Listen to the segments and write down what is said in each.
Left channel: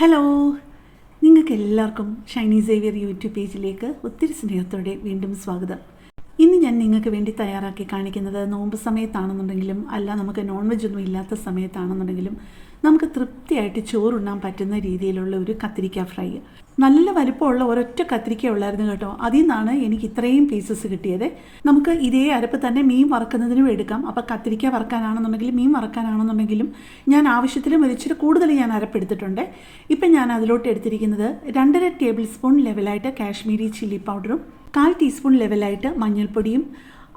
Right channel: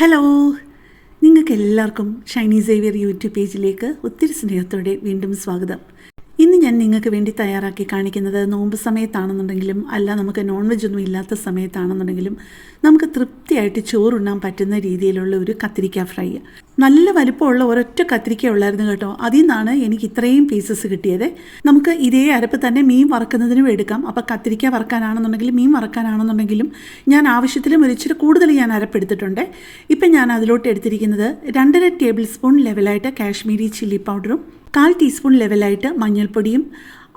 Hello, നിങ്ങൾക്ക് എല്ലാവർക്കും Shiny Xavier YouTube പേജിലേക്ക് ഒത്തിരി സ്നേഹത്തോടെ വീണ്ടും സ്വാഗതം. ഇന്ന് ഞാൻ നിങ്ങൾക്ക് വേണ്ടി തയ്യാറാക്കി കാണിക്കുന്നത് നോമ്പ് സമയത്താണെന്നുണ്ടെങ്കിലും അല്ല നമുക്ക് നോൺ വെജ് ഒന്നും ഇല്ലാത്ത സമയത്താണെന്നുണ്ടെങ്കിലും നമുക്ക് തൃപ്തിയായിട്ട് ചോറുണ്ണാൻ പറ്റുന്ന രീതിയിലുള്ള ഒരു കത്തിരിക്ക ഫ്രൈ. നല്ല വലിപ്പമുള്ള ഒരൊറ്റ കത്തിരിക്ക ഉള്ളായിരുന്നു കേട്ടോ. അതിൽ നിന്നാണ് എനിക്ക് ഇത്രയും പീസസ് കിട്ടിയത്. നമുക്ക് ഇതേ അരപ്പ് തന്നെ മീൻ വറക്കുന്നതിനും എടുക്കാം. അപ്പോൾ കത്തിരിക്ക വറക്കാനാണെന്നുണ്ടെങ്കിലും മീൻ വറക്കാനാണെന്നുണ്ടെങ്കിലും ഞാൻ ആവശ്യത്തിലും ഒരിച്ചിരി കൂടുതൽ ഞാൻ അരപ്പെടുത്തിട്ടുണ്ട്. ഇപ്പം ഞാൻ അതിലോട്ട് എടുത്തിരിക്കുന്നത് 2.5 ടേബിൾ സ്പൂൺ ലെവലായിട്ട് കാശ്മീരി ചില്ലി പൗഡറും 1/4 ടീസ്പൂൺ ലെവലായിട്ട് മഞ്ഞൾപ്പൊടിയും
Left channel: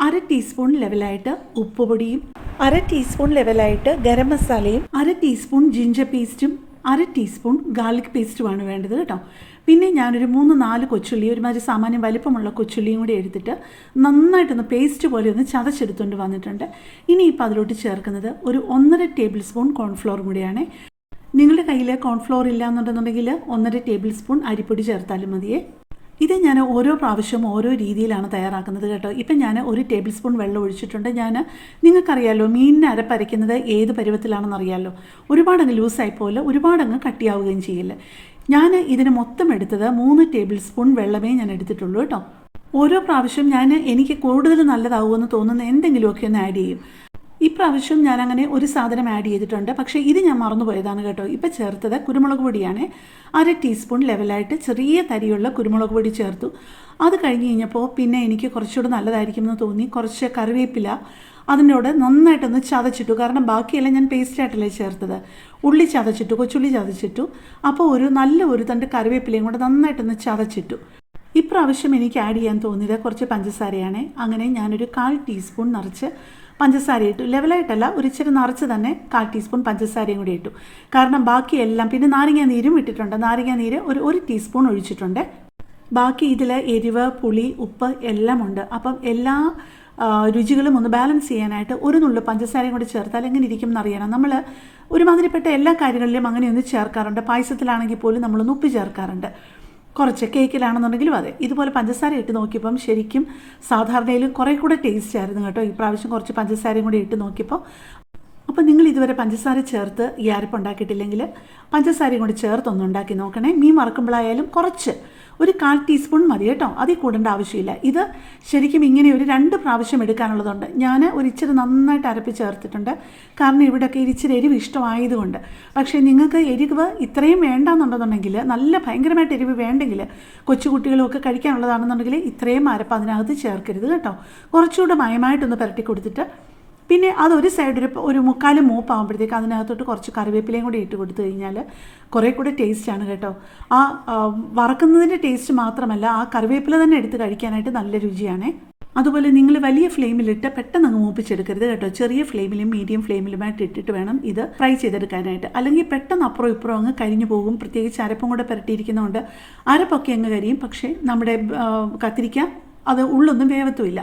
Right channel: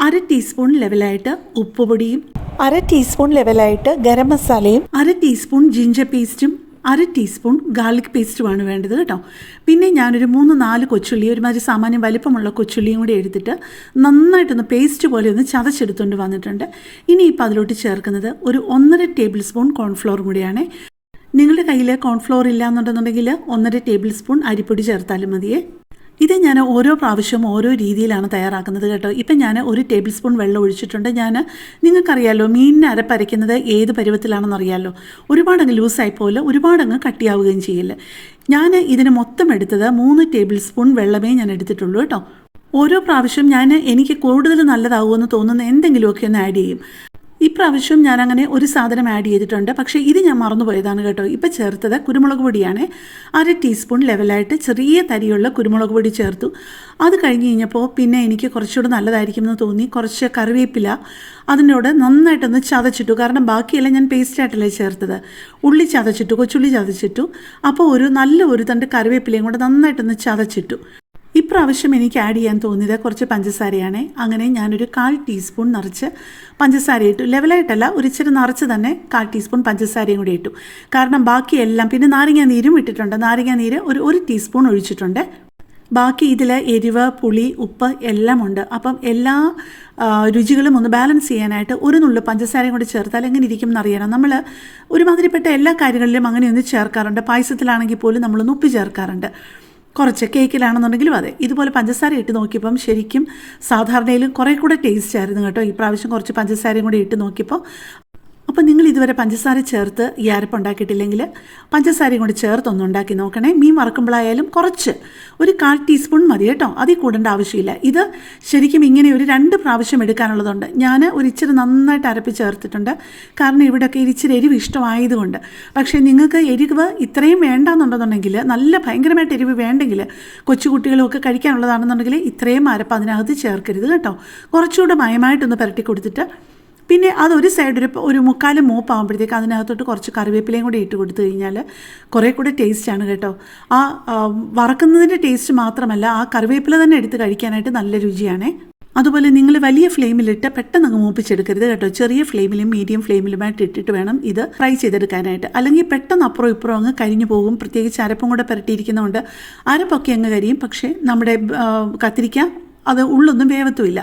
1/2 ടീസ്പൂൺ ലെവലായിട്ട് ഉപ്പുപൊടിയും 1/2 ടീസ്പൂൺ ലെവലായിട്ട് ഗരം മസാലയും 1/2 ടീസ്പൂൺ ജിഞ്ചർ പേസ്റ്റും 1/2 ടീസ്പൂൺ ഗാർലിക് പേസ്റ്റുമാണ് വേണ്ടത് കേട്ടോ. പിന്നെ ഞാനൊരു 3-4 കൊച്ചുള്ളി, ഒരുമാതിരി സാമാന്യം വലിപ്പമുള്ള കൊച്ചുള്ളിയും കൂടി എടുത്തിട്ട് നന്നായിട്ടൊന്ന് പേസ്റ്റ് പോലെ ഒന്ന് ചതച്ചെടുത്തുകൊണ്ട് വന്നിട്ടുണ്ട്. ഇനിയിപ്പോൾ അതിലോട്ട് ചേർക്കുന്നത് ഒരു 1.5 ടേബിൾ സ്പൂൺ കോൺഫ്ലോറും കൂടിയാണ്. നിങ്ങളുടെ കയ്യിൽ കോൺഫ്ലോർ ഇല്ല എന്നുണ്ടെന്നുണ്ടെങ്കിൽ 1.5 ടേബിൾ സ്പൂൺ അരിപ്പൊടി ചേർത്താലും മതിയേ. ഇത് ഞാൻ ഓരോ പ്രാവശ്യവും ഓരോ രീതിയിലാണ് തയ്യാറാക്കുന്നത് കേട്ടോ. ഇപ്പം ഞാൻ 1 ടേബിൾ സ്പൂൺ വെള്ളം ഒഴിച്ചിട്ടുണ്ട്. നിങ്ങൾക്കറിയാമല്ലോ മീനിനെ അരപ്പരയ്ക്കുന്നത് ഏത് പരുവത്തിലാണെന്നറിയാമല്ലോ. ഒരുപാടങ്ങ് ലൂസായി പോലെ ഒരുപാടങ്ങ് കട്ടിയാവുകയും ചെയ്യില്ല. ഞാൻ ഇതിന് മൊത്തം എടുത്തത് 3 ടേബിൾ സ്പൂൺ വെള്ളമേ ഞാൻ എടുത്തിട്ടുള്ളൂ കേട്ടോ. ഓരോ പ്രാവശ്യം എനിക്ക് കൂടുതൽ നല്ലതാവുമെന്ന് തോന്നുന്ന എന്തെങ്കിലുമൊക്കെ ഒന്ന് ആഡ് ചെയ്യും. ഇപ്രാവശ്യം ഞാനങ്ങനെ ഒരു സാധനം ആഡ് ചെയ്തിട്ടുണ്ട്, പക്ഷേ ഇത് ഞാൻ മറന്നുപോയതാണ് കേട്ടോ. ഇപ്പം ചേർത്തത് കുരുമുളക് പൊടിയാണ്. 1/2 ടീസ്പൂൺ ലെവലായിട്ട് ചെറിയ തരിയുള്ള കുരുമുളക് പൊടി ചേർത്തു. അത് കഴിഞ്ഞ് കഴിഞ്ഞപ്പോൾ പിന്നെ എനിക്ക് കുറച്ചുകൂടെ നല്ലതായിരിക്കുമെന്ന് തോന്നി കുറച്ച് കറിവേപ്പില അതിനോട് നന്നായിട്ടൊന്ന് ചതച്ചിട്ടു. കാരണം ബാക്കിയെല്ലാം ഞാൻ പേസ്റ്റായിട്ടല്ലേ ചേർത്തത്. ഉള്ളി ചതച്ചിട്ടു, കൊച്ചുള്ളി ചതച്ചിട്ടു. അപ്പോൾ ഒരു തണ്ട് കറിവേപ്പിലയും കൂടെ നന്നായിട്ടൊന്ന് ചതച്ചിട്ടു. ഇപ്രാവശ്യം എനിക്ക് ആഡ് ചെയ്യാൻ തോന്നിയത് കുറച്ച് പഞ്ചസാരയാണ്. അങ്ങനെ ഞാനൊരു 1/4 ടീസ്പൂൺ നിറച്ച് പഞ്ചസാര ഇട്ടു. ലെവലായിട്ടല്ല, ഒരിച്ചിരി നിറച്ച് തന്നെ 1/4 ടീസ്പൂൺ പഞ്ചസാരയും കൂടി ഇട്ടു. കാരണം ബാക്കിയെല്ലാം പിന്നെ നാരങ്ങാ നീരും ഇട്ടിട്ടുണ്ട്. നാരങ്ങാ നീര് ഒരു ടീസ്പൂൺ ഒഴിച്ചിട്ടുണ്ട്. ബാക്കി ഇതിൽ എരിവ്, പുളി, ഉപ്പ് എല്ലാം ഉണ്ട്. അപ്പം എല്ലാ രുചികളും ഒന്ന് ബാലൻസ് ചെയ്യാനായിട്ട് ഒരു നുള്ളു പഞ്ചസാരയും കൂടി ചേർത്താൽ എങ്ങനെ ഇരിക്കും എന്നറിയണം. നമ്മൾ ഒരുമാതിരിപ്പെട്ട എല്ലാ കാര്യങ്ങളിലും അങ്ങനെയൊന്ന് ചേർക്കാറുണ്ട്. പായസത്തിലാണെങ്കിൽ പോലും നമ്മളൊന്ന് ഉപ്പ് ചേർക്കാറുണ്ട്. കുറച്ച് കേക്കിലാണെന്നുണ്ടെങ്കിലും അതെ. ഇതുപോലെ പഞ്ചസാര ഇട്ട് നോക്കിയപ്പം ശരിക്കും സാധാരണയിലും കുറേ കൂടെ ടേസ്റ്റ് ആയിരുന്നു കേട്ടോ. ഈ പ്രാവശ്യം കുറച്ച് പഞ്ചസാരയും കൂടി ഇട്ട് നോക്കിയപ്പോൾ. അപ്പോൾ നിങ്ങൾ ഇതുവരെ പഞ്ചസാര ചേർത്ത് ഈ അരപ്പ് ഉണ്ടാക്കിയിട്ടില്ലെങ്കിൽ പഞ്ചസാരയും കൂടി ചേർത്തൊന്ന് ഉണ്ടാക്കി നോക്കണേ. മീൻ വറക്കുമ്പോഴായാലും കുറച്ച് ഒരു 1/4 ടീസ്പൂൺ മതി കേട്ടോ. അതിൽ കൂടേണ്ട ആവശ്യമില്ല. ഇത് ശരിക്കും ഇങ്ങനെ ഒരു 2 പ്രാവശ്യം എടുക്കാനുള്ളതുണ്ട്. ഞാൻ ഇച്ചിരി നന്നായിട്ട് അരപ്പ് ചേർത്തിട്ടുണ്ട്. കാരണം ഇവിടെയൊക്കെ ഇച്ചിരി എരിവ് ഇഷ്ടമായതുകൊണ്ട്. പക്ഷേ നിങ്ങൾക്ക് എരിവ് ഇത്രയും വേണ്ടെന്നുണ്ടെന്നുണ്ടെങ്കിൽ, നല്ല ഭയങ്കരമായിട്ട് എരിവ് വേണ്ടെങ്കിൽ, കൊച്ചുകുട്ടികളുമൊക്കെ കഴിക്കാനുള്ളതാണെന്നുണ്ടെങ്കിൽ ഇത്രയും അരപ്പ് അതിനകത്ത് ചേർക്കരുത് കേട്ടോ. കുറച്ചുകൂടെ മയമായിട്ടൊന്ന് പുരട്ടി കൊടുത്തിട്ട് പിന്നെ അതൊരു സൈഡ് ഒരു 3/4 മൂപ്പാകുമ്പോഴത്തേക്ക് അതിനകത്തോട്ട് കുറച്ച് കറിവേപ്പിലയും കൂടി ഇട്ട് കൊടുത്തു കഴിഞ്ഞാൽ കുറേ കൂടെ ടേസ്റ്റാണ് കേട്ടോ. ആ വറക്കുന്നതിൻ്റെ ടേസ്റ്റ് മാത്രമല്ല, ആ കറിവേപ്പില തന്നെ എടുത്ത് കഴിക്കാനായിട്ട് നല്ല രുചിയാണ്. അതുപോലെ നിങ്ങൾ വലിയ ഫ്ലെയിമിലിട്ട് പെട്ടെന്ന് അങ്ങ് മൂപ്പിച്ചെടുക്കരുത് കേട്ടോ. ചെറിയ ഫ്ലെയിമിലും മീഡിയം ഫ്ലെയിമിലുമായിട്ട് ഇട്ടിട്ട് വേണം ഇത് ഫ്രൈ ചെയ്തെടുക്കാനായിട്ട്. അല്ലെങ്കിൽ പെട്ടെന്ന് അപ്പുറം ഇപ്പുറം അങ്ങ് കരിഞ്ഞു പോകും. പ്രത്യേകിച്ച് അരപ്പും കൂടെ പുരട്ടിയിരിക്കുന്നതുകൊണ്ട് അരപ്പൊക്കെ അങ്ങ് കരിയും. പക്ഷേ നമ്മുടെ കത്തിരിക്ക അത് ഉള്ളൊന്നും വേവത്തുമില്ല.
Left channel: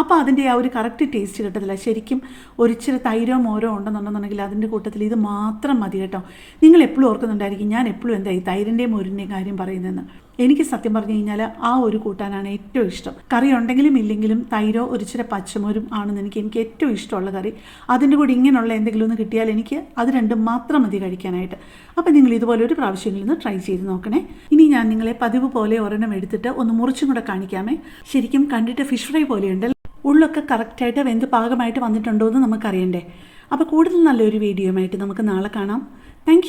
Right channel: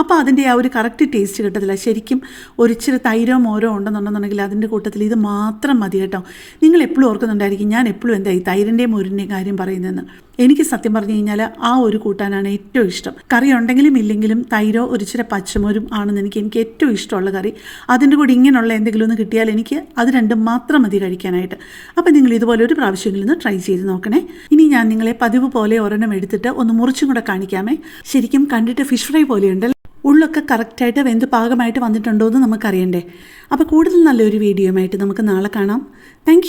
അപ്പോൾ അതിൻ്റെ ആ ഒരു കറക്റ്റ് ടേസ്റ്റ് കിട്ടത്തില്ല. ശരിക്കും ഒരിച്ചിരി തൈരോ മോരോ ഉണ്ടെന്നുണ്ടെന്നുണ്ടെങ്കിൽ അതിൻ്റെ കൂട്ടത്തിൽ ഇത് മാത്രം മതി കേട്ടോ. നിങ്ങൾ എപ്പോഴും ഓർക്കുന്നുണ്ടായിരിക്കും ഞാൻ എപ്പോഴും എന്താ ഈ തൈരിൻ്റെയും മോരിൻ്റെയും കാര്യം പറയുന്നതെന്ന്. എനിക്ക് സത്യം പറഞ്ഞു കഴിഞ്ഞാൽ ആ ഒരു കൂട്ടാനാണ് ഏറ്റവും ഇഷ്ടം. കറി ഉണ്ടെങ്കിലും ഇല്ലെങ്കിലും തൈരോ ഒരിച്ചിരി പച്ചമോരും ആണെന്ന് എനിക്ക് ഏറ്റവും ഇഷ്ടമുള്ള കറി. അതിൻ്റെ കൂടെ ഇങ്ങനെയുള്ള എന്തെങ്കിലും ഒന്ന് കിട്ടിയാൽ എനിക്ക് അത് രണ്ടും മാത്രം മതി കഴിക്കാനായിട്ട്. അപ്പോൾ നിങ്ങൾ ഇതുപോലെ ഒരു പ്രാവശ്യങ്ങളിൽ നിന്ന് ട്രൈ ചെയ്ത് നോക്കണേ. ഇനി ഞാൻ നിങ്ങളെ പതിവ് പോലെ ഒരെണ്ണം എടുത്തിട്ട് ഒന്ന് മുറിച്ചും കൂടെ കാണിക്കാമേ. ശരിക്കും കണ്ടിട്ട് ഫിഷ് ഫ്രൈ പോലെയുണ്ട്. ഉള്ളൊക്കെ കറക്റ്റായിട്ട് വെന്ത് പാകമായിട്ട് വന്നിട്ടുണ്ടോ എന്ന് നമുക്കറിയണ്ടേ. അപ്പോൾ കൂടുതൽ നല്ലൊരു വീഡിയോയുമായിട്ട് നമുക്ക് നാളെ കാണാം. താങ്ക്